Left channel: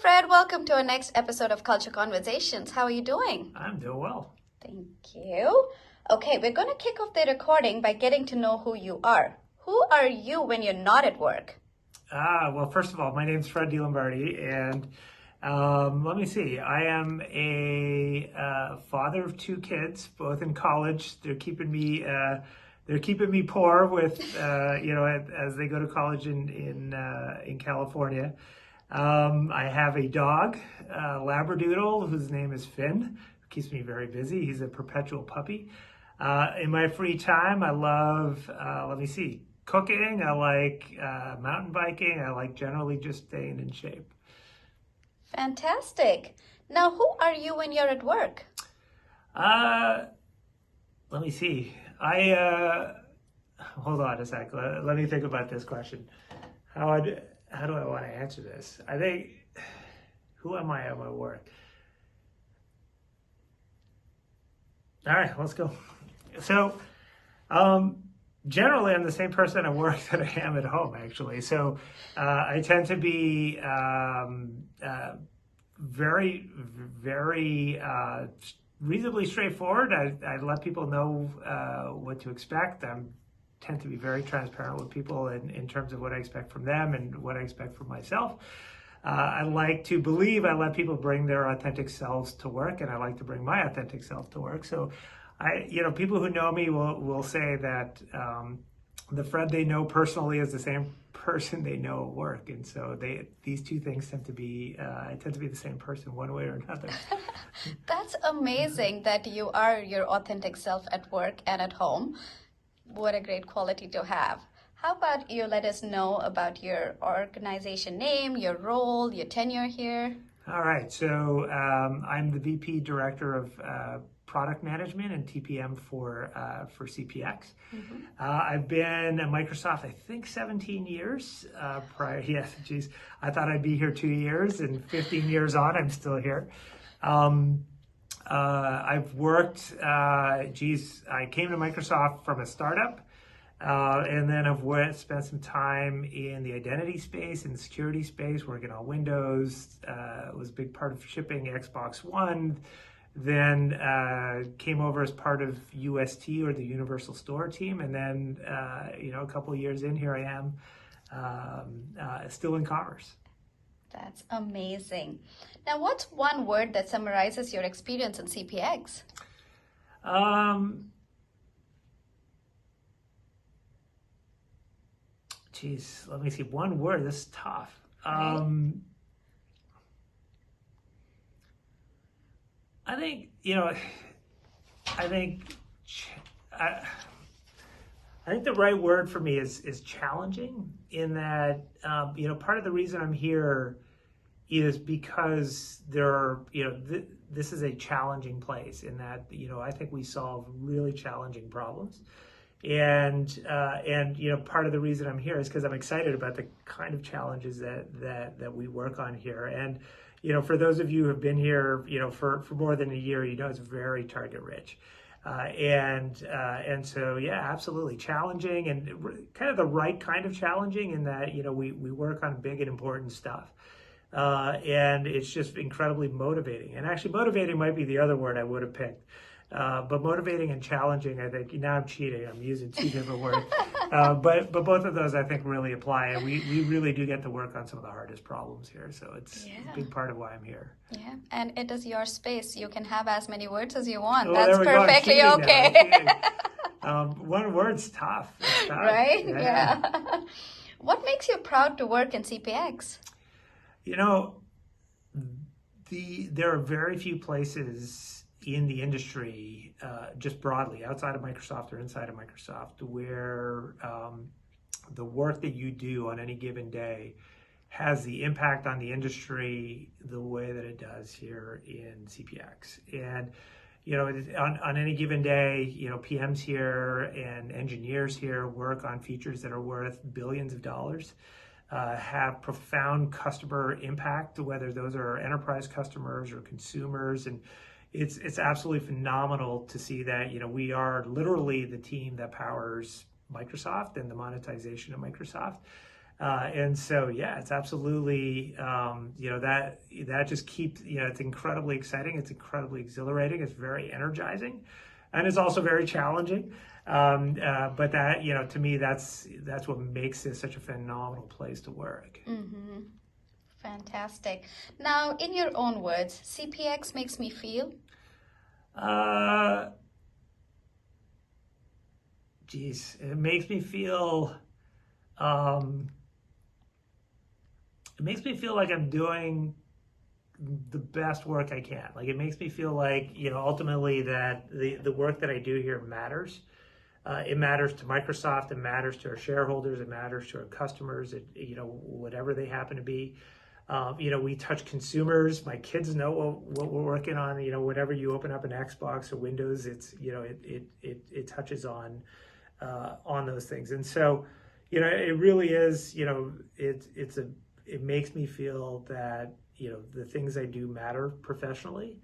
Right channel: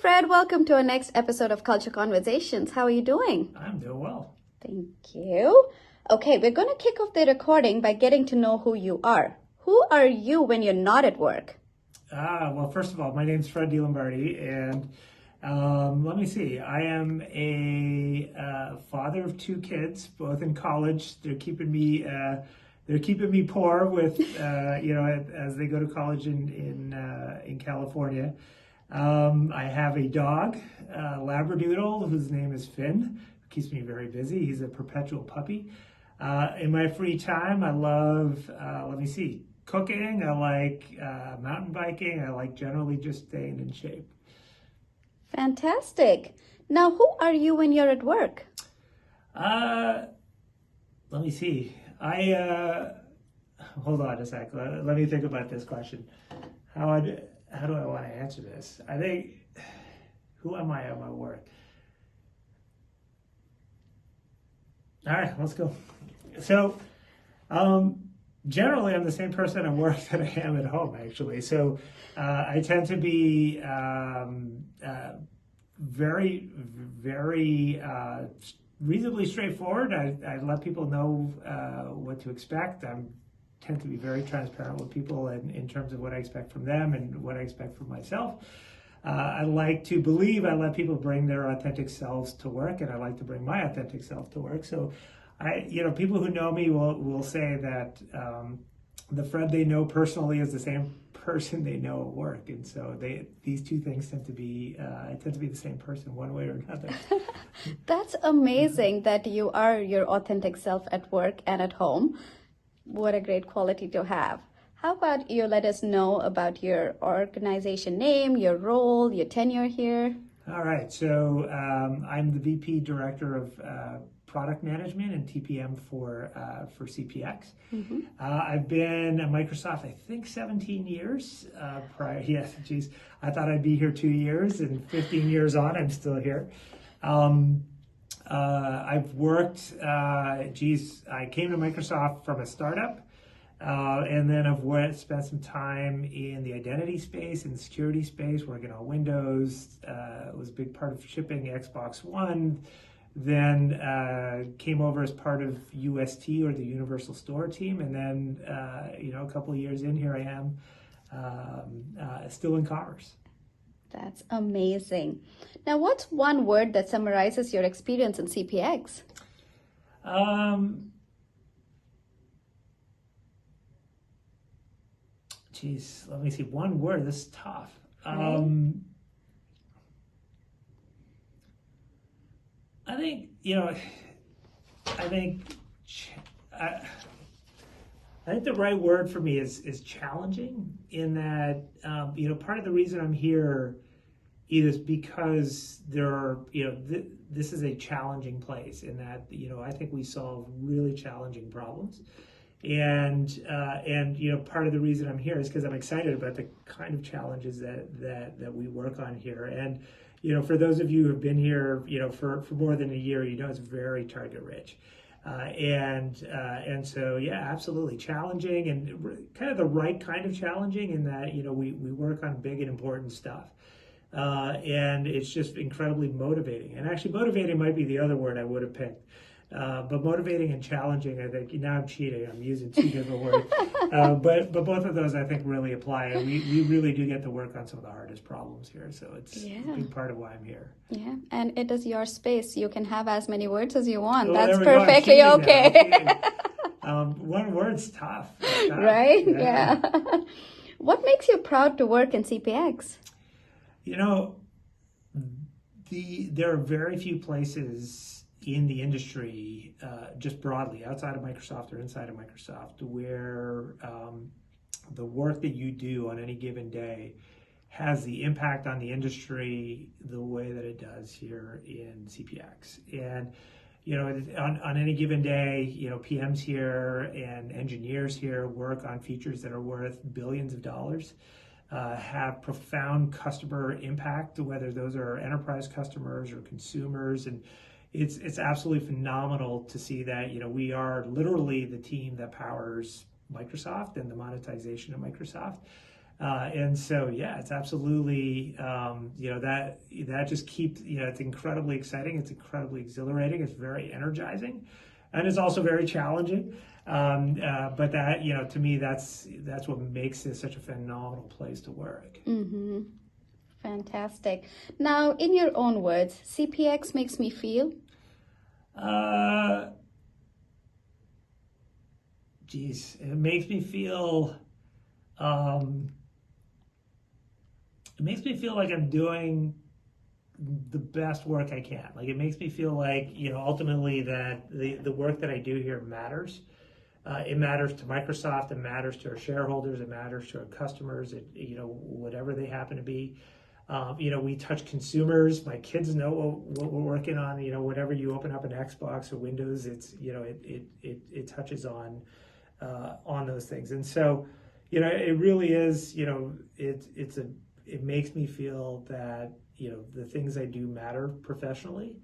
Fred. Welcome to our next episode of Culture Conversations. How are you doing? I'm doing well. Thank you. Okay, we're going to kick off the recording by getting to know who you are. Who are you when you're not at work? Well, first of all, my name's Fred Delombaerde, and let me see. I am a father of two kids, both in college. They're keeping me poor with as they go to college in California. I have a dog, Labradoodle, whose name is Finn, who keeps me very busy. He's a perpetual puppy. In my free time, I love, cooking. I like mountain biking. I like generally just staying in shape. Fantastic. Now, who are you when you're at work? Let me see. Hold on a sec. Let me think about this question. How do I want to answer this? I think, who am I at my work? All right, let's go. So, generally, I'm the same person at work that I am at home, actually. So, I tend to be very reasonably straightforward. I let people know what to expect. I tend to be very transparent with people in terms of what I expect from them and what I expect from myself. I like to believe I let people bring their authentic selves to work, and I like to bring my authentic self to work. So, people who know me will say that the Fred they know personally is the same person they know at work, and so these two things tend to be the same person one way or another. That's amazing that you are your authentic self at work and at home. What a great quality to have. How about you let us know about your organization name, your role, your tenure here? All right, so I'm the VP Director of Product Management and TPM for CPX. Mm-hmm. I've been at Microsoft, I think, 17 years prior. Yes, geez, I thought I'd be here 2 years, and 15 years on, I'm still here. I've worked, I came to Microsoft from a startup, and then I've spent some time in the identity space, in the security space, working on Windows. Was a big part of shipping Xbox One. Then came over as part of UST, or the Universal Store team, and then a couple of years in, here I am, still in commerce. That's amazing. Now, what's one word that summarizes your experience in CPX? Let me see. One word. This is tough. I think the right word for me is challenging, in that part of the reason I'm here is because there are this is a challenging place, in that I think we solve really challenging problems, and part of the reason I'm here is because I'm excited about the kind of challenges that we work on here. And for those of you who have been here for more than a year, it's very target rich. And so, yeah, absolutely challenging, and kind of the right kind of challenging, in that, we work on big and important stuff. And it's just incredibly motivating. And actually, motivating might be the other word I would have picked. But motivating and challenging, I think, now I'm cheating. I'm using two different words. But both of those, I think, really apply. And we really do get to work on some of the hardest problems here. So it's a big part of why I'm here. Yeah, and it is your space. You can have as many words as you want. Well, That's there we go. perfectly okay. One word's tough. It's tough. Right? Yeah. What makes you proud to work in CPX? There are very few places in the industry, just broadly, outside of Microsoft or inside of Microsoft, where the work that you do on any given day has the impact on the industry the way that it does here in CPX. And on any given day, PMs here and engineers here work on features that are worth billions of dollars. Have profound customer impact, whether those are enterprise customers or consumers, and it's absolutely phenomenal to see that we are literally the team that powers Microsoft and the monetization of Microsoft. And so, yeah, it's absolutely, that just keeps, it's incredibly exciting. It's incredibly exhilarating. It's very energizing, and it's also very challenging. But that, to me, that's what makes this such a phenomenal place to work. Mm-hmm. Fantastic. Now, in your own words, CPX makes me feel? It makes me feel, um, it makes me feel like I'm doing the best work I can. Like, it makes me feel like, ultimately that the work that I do here matters. It matters to Microsoft, it matters to our shareholders, it matters to our customers, whatever they happen to be. We touch consumers. My kids know what we're working on. Whatever you open up an Xbox or Windows, it's it touches on those things. And so, it really is. It makes me feel that the things I do matter professionally.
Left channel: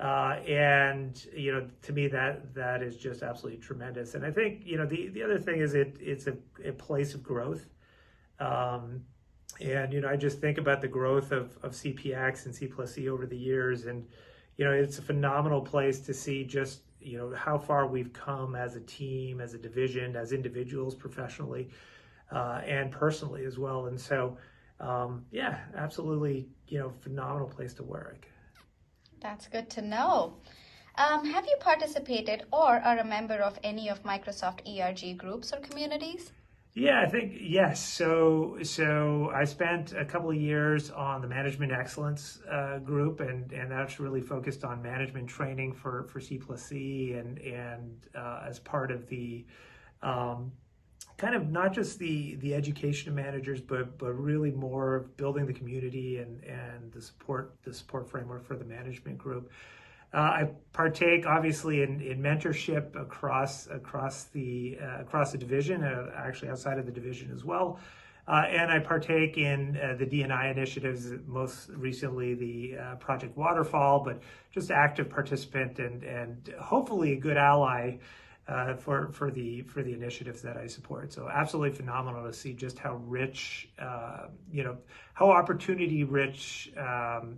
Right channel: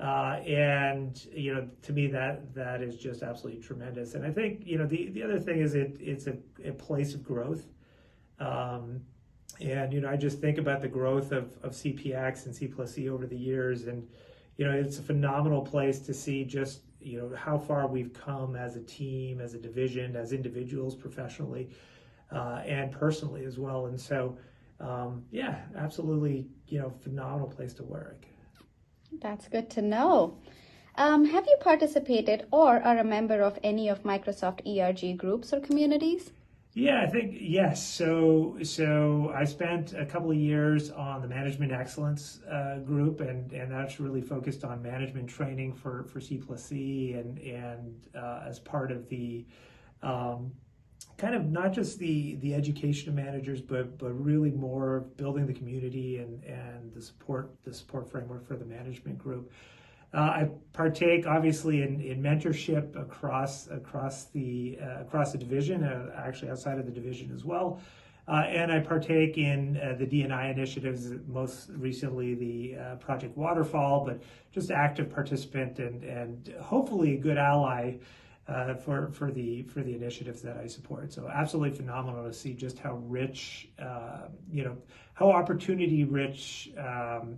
And to me that is just absolutely tremendous. And I think the other thing is it's a place of growth. And I just think about the growth of CPX and C+E over the years, and it's a phenomenal place to see just how far we've come as a team, as a division, as individuals, professionally, and personally as well. And so, yeah, absolutely, phenomenal place to work. That's good to know. Have you participated or are a member of any of Microsoft ERG groups or communities? Yeah, I think yes. So I spent a couple of years on the Management Excellence group, and that's really focused on management training for C+E, and as part of the kind of not just the education of managers, but really more of building the community and the support framework for the management group. I partake obviously in mentorship across the division, actually outside of the division as well, and I partake in the D&I initiatives. Most recently, the Project Waterfall, but just active participant and hopefully a good ally for the initiatives that I support. So absolutely phenomenal to see just how rich, how opportunity rich,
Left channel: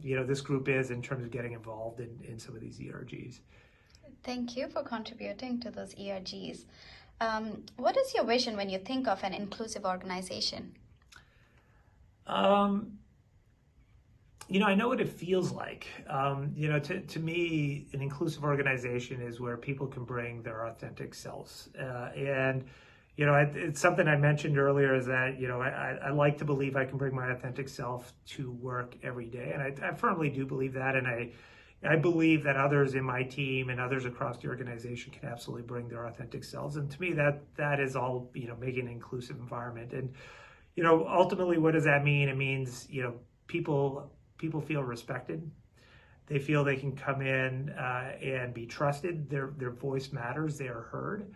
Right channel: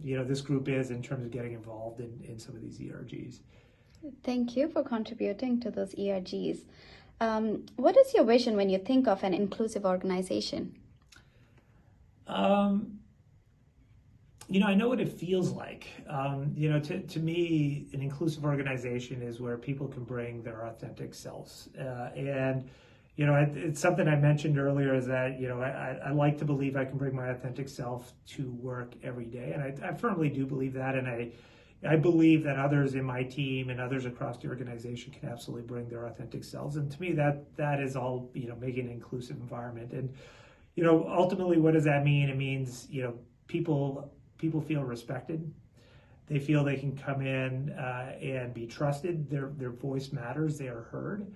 this group is in terms of getting involved in some of these ERGs. Thank you for contributing to those ERGs. What is your vision when you think of an inclusive organization? I know what it feels like. To me, an inclusive organization is where people can bring their authentic selves. It's something I mentioned earlier is that, I like to believe I can bring my authentic self to work every day. And I firmly do believe that. And I believe that others in my team and others across the organization can absolutely bring their authentic selves. And to me, that is all, making an inclusive environment. And, ultimately, what does that mean? It means, people feel respected. They feel they can come in and be trusted. Their voice matters. They are heard.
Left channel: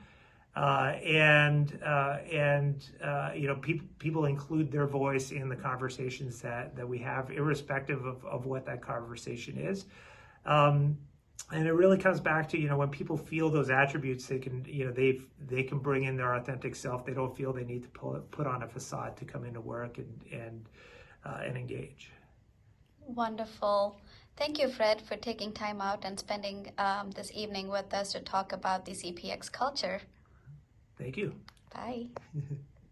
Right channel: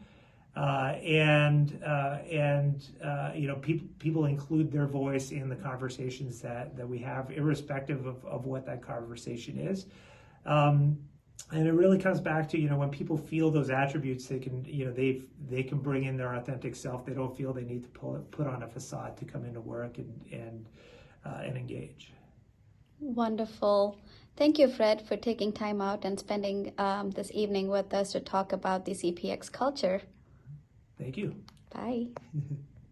People include their voice in the conversations that we have, irrespective of what that conversation is. And it really comes back to, when people feel those attributes, they can, they can bring in their authentic self. They don't feel they need to put on a facade to come into work and engage. Wonderful. Thank you, Fred, for taking time out and spending this evening with us to talk about the CPX culture. Thank you. Bye.